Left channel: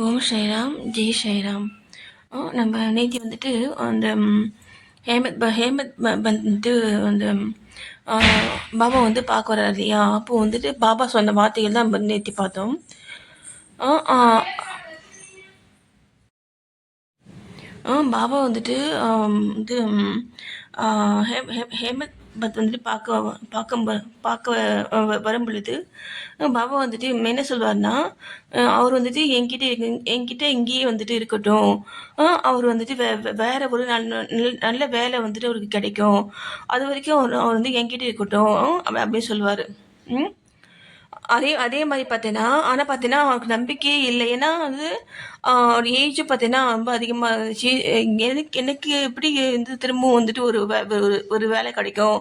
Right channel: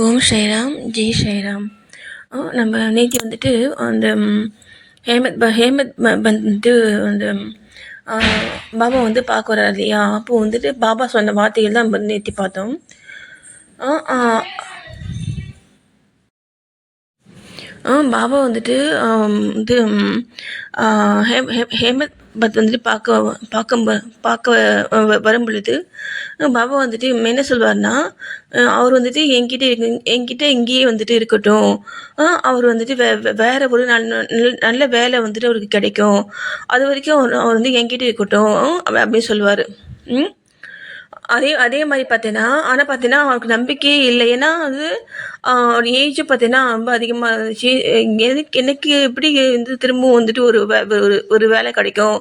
ஓம் ஸ்ரீராம், ஜெய் ஸ்ரீராம். நம்ம நேற்று வந்துட்டு அந்த ஹேமத் வந்து அந்த பாபா வந்து பார்க்க வர்றாரு இல்லையா? அப்போ வந்துட்டு பாபா சொன்ன வார்த்தைகள் தான் நம்ம நேற்று பார்த்தோம். பாபா வந்துட்டு இது ஹேமத் பத் வந்துட்டு பார்க்க வரும் பொழுது பாபா வந்துட்டு என்ன சொல்வார்னா, அவர் வந்துட்டு என்கிட்ட இங்கேயே வந்துட்டு இருக்கட்டும். அவர் வந்துட்டு வேற ஒரு நல்ல வேலை வந்துட்டு அவருக்கு கிடைக்கும். அது வரைக்கும் அவர் வந்து என்கிட்ட இருக்கட்டும் அப்படின்னு சொல்லுவார். அதே மாதிரி பார்த்தீங்கன்னா, ஆனால் பார்த்தீங்கன்னா அவருக்கு நம்பிக்கையே இல்லை. ஏன்னா வந்து அவர் ஏஜும் பார்த்தீங்கன்னா ரொம்ப அதிகமாக இருந்துச்சு. எனக்கு எப்படி வந்து திரும்பவும் வந்துட்டு ஒரு வேலை கிடைக்கும்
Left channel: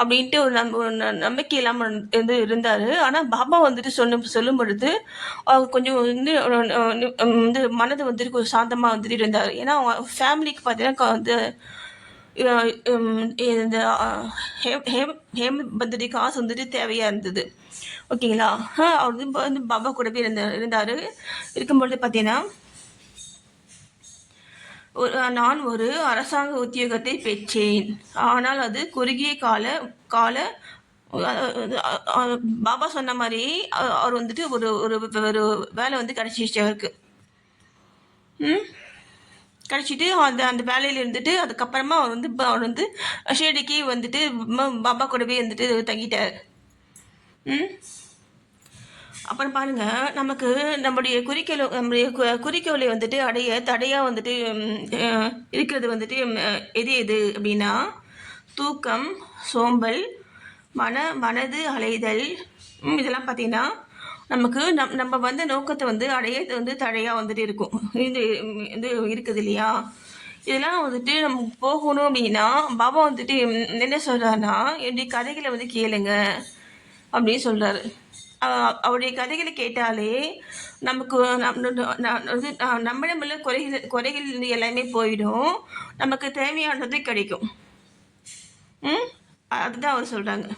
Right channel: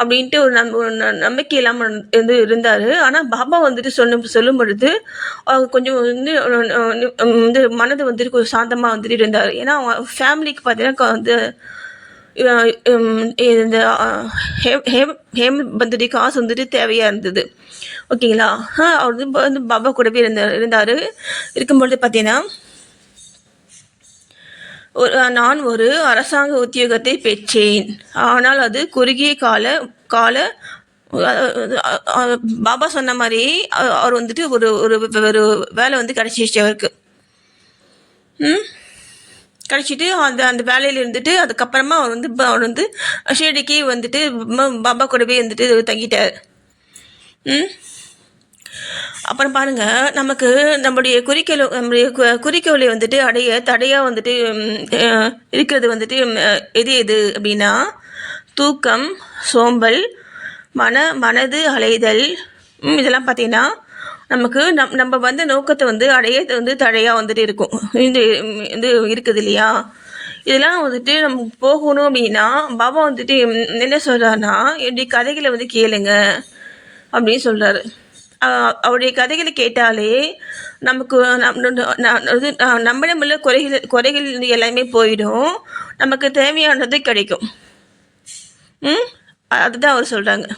அப்படின்ட்டு ஒரு நம்பிக்கை இல்லாமல் இருந்தார். ஆனால் பாபா வந்துட்டு சொல்லும் பொழுது அவர் கொஞ்சம் வந்து மனது வந்துட்டு கொஞ்சம் சாந்தமாக வந்துட்டு இருந்தார். ஏன்னா அவங்க ஃபேமிலிக்கு பார்த்தீங்கன்னா வந்து இந்த ஹேமந்த் பந்தடி காசு வந்துட்டு தேவையாக இருந்தது. ஓகேங்களா? அவர் வந்து பாபா கூடவே இருந்தார். இருக்கும்பொழுது பார்த்தீங்கன்னா, நான் ஒரு அரசாங்க உத்தியோகத்தை பெற்றேன். ஆனால் அது குறுகிய கால பாபா சொன்ன மாதிரி அவர் வந்துட்டு ஒரு ஒரு வேலை வந்து கிடைச்சிச்சு அவருக்கு. கிடைச்சிட்டு அந்த வேலையில் இருந்துட்டு அதுக்கப்புறமா அவர் வந்து ஷீரடிக்கு வந்துட்டு பாபா கூடவே வந்துட்டு தங்கிட்டார். அப்புறம் பாருங்கள், நமக்கு நம்மளுடைய குறிக்கோளை வந்துட்டு அடைய தடையாக வந்துட்டு இருக்கிறது வந்துட்டு எது அப்படின்னா, தூக்கம், சோம்பல், மனது அலைதல், இதெல்லாம் பார்த்தீங்கன்னா நமக்கு நம்ம வந்து நோக்கத்தை வந்து அடையிறது வந்து தடையாக வந்துட்டு இருக்கும். இது இருக்குது இல்லையா? இதெல்லாம் வந்துட்டு நம்ம போகணும் அப்படின்னா பாபா வந்துட்டு என்ன சொல்கிறாருன்னா, என்னுடைய கதைகளை வந்து கேளுங்க அப்படின்னு சொல்கிறாரு. அவருடைய கதைகளை கேட்டாலே நமக்கு நம்மிடமுள்ள குறைகள் எல்லாமே போயிடும். நமக்கு தேவையானது கிடைக்கும். அதுதான் அவர் சொல்கிறாங்க.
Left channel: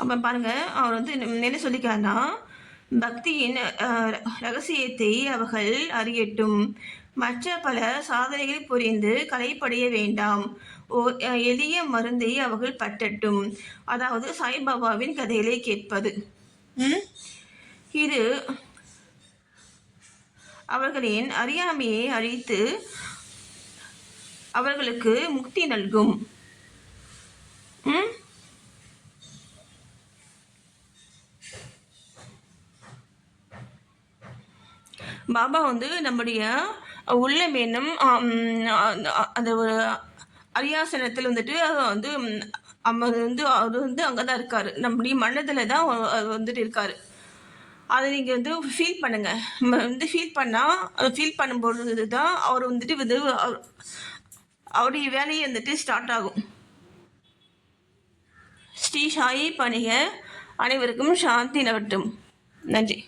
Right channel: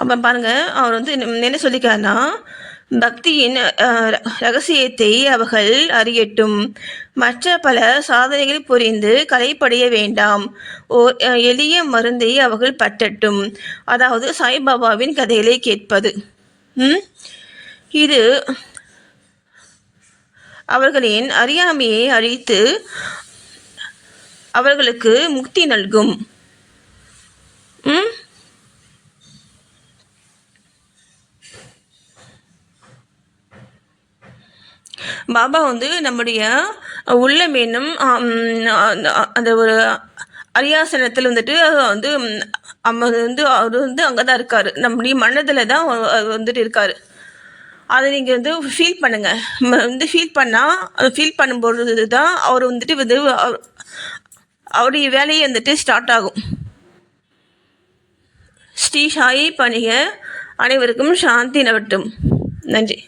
அப்போ பாருங்கள், அவர் வந்து என்ன சொல்லிக்காருன்னா, பக்தியின் ரகசியத்தை அவர்கள் அறியட்டும். மற்ற பல சாதனைகளை புரிந்து கலைப்படைய வேண்டாம். எளிய மருந்தை அவர்கள் பற்றட்டும். அதாவது சாய்பாபாவின் கதைகளை கேட்பது. இது அவர்களின் அறியாமையை அழித்து அவர்களுக்கு முக்தி நல்கும். பாபா வந்து நம்முடைய உள்ளம் என்னும் அந்த ஒரு அரியாசனத்தில் வந்துட்டு வந்து அவர் வந்து அங்கே தான் இருக்கார். நம்முடைய மனதில் தான் வந்துட்டு இருக்கார். அதை நீங்கள் வந்து ஃபீல் பண்ணுங்கள். வந்து ஃபீல் பண்ணால் அதை ஃபீல் பண்ணும்பொழுது தான் அவர் வந்துட்டு வந்து அவருடைய வேலையை வந்துட்டு ஸ்டார்ட் ஆகும். ஸ்ரீ சாயி பணிக அனைவருக்கும் சாந்தி நவட்டும். நன்றி.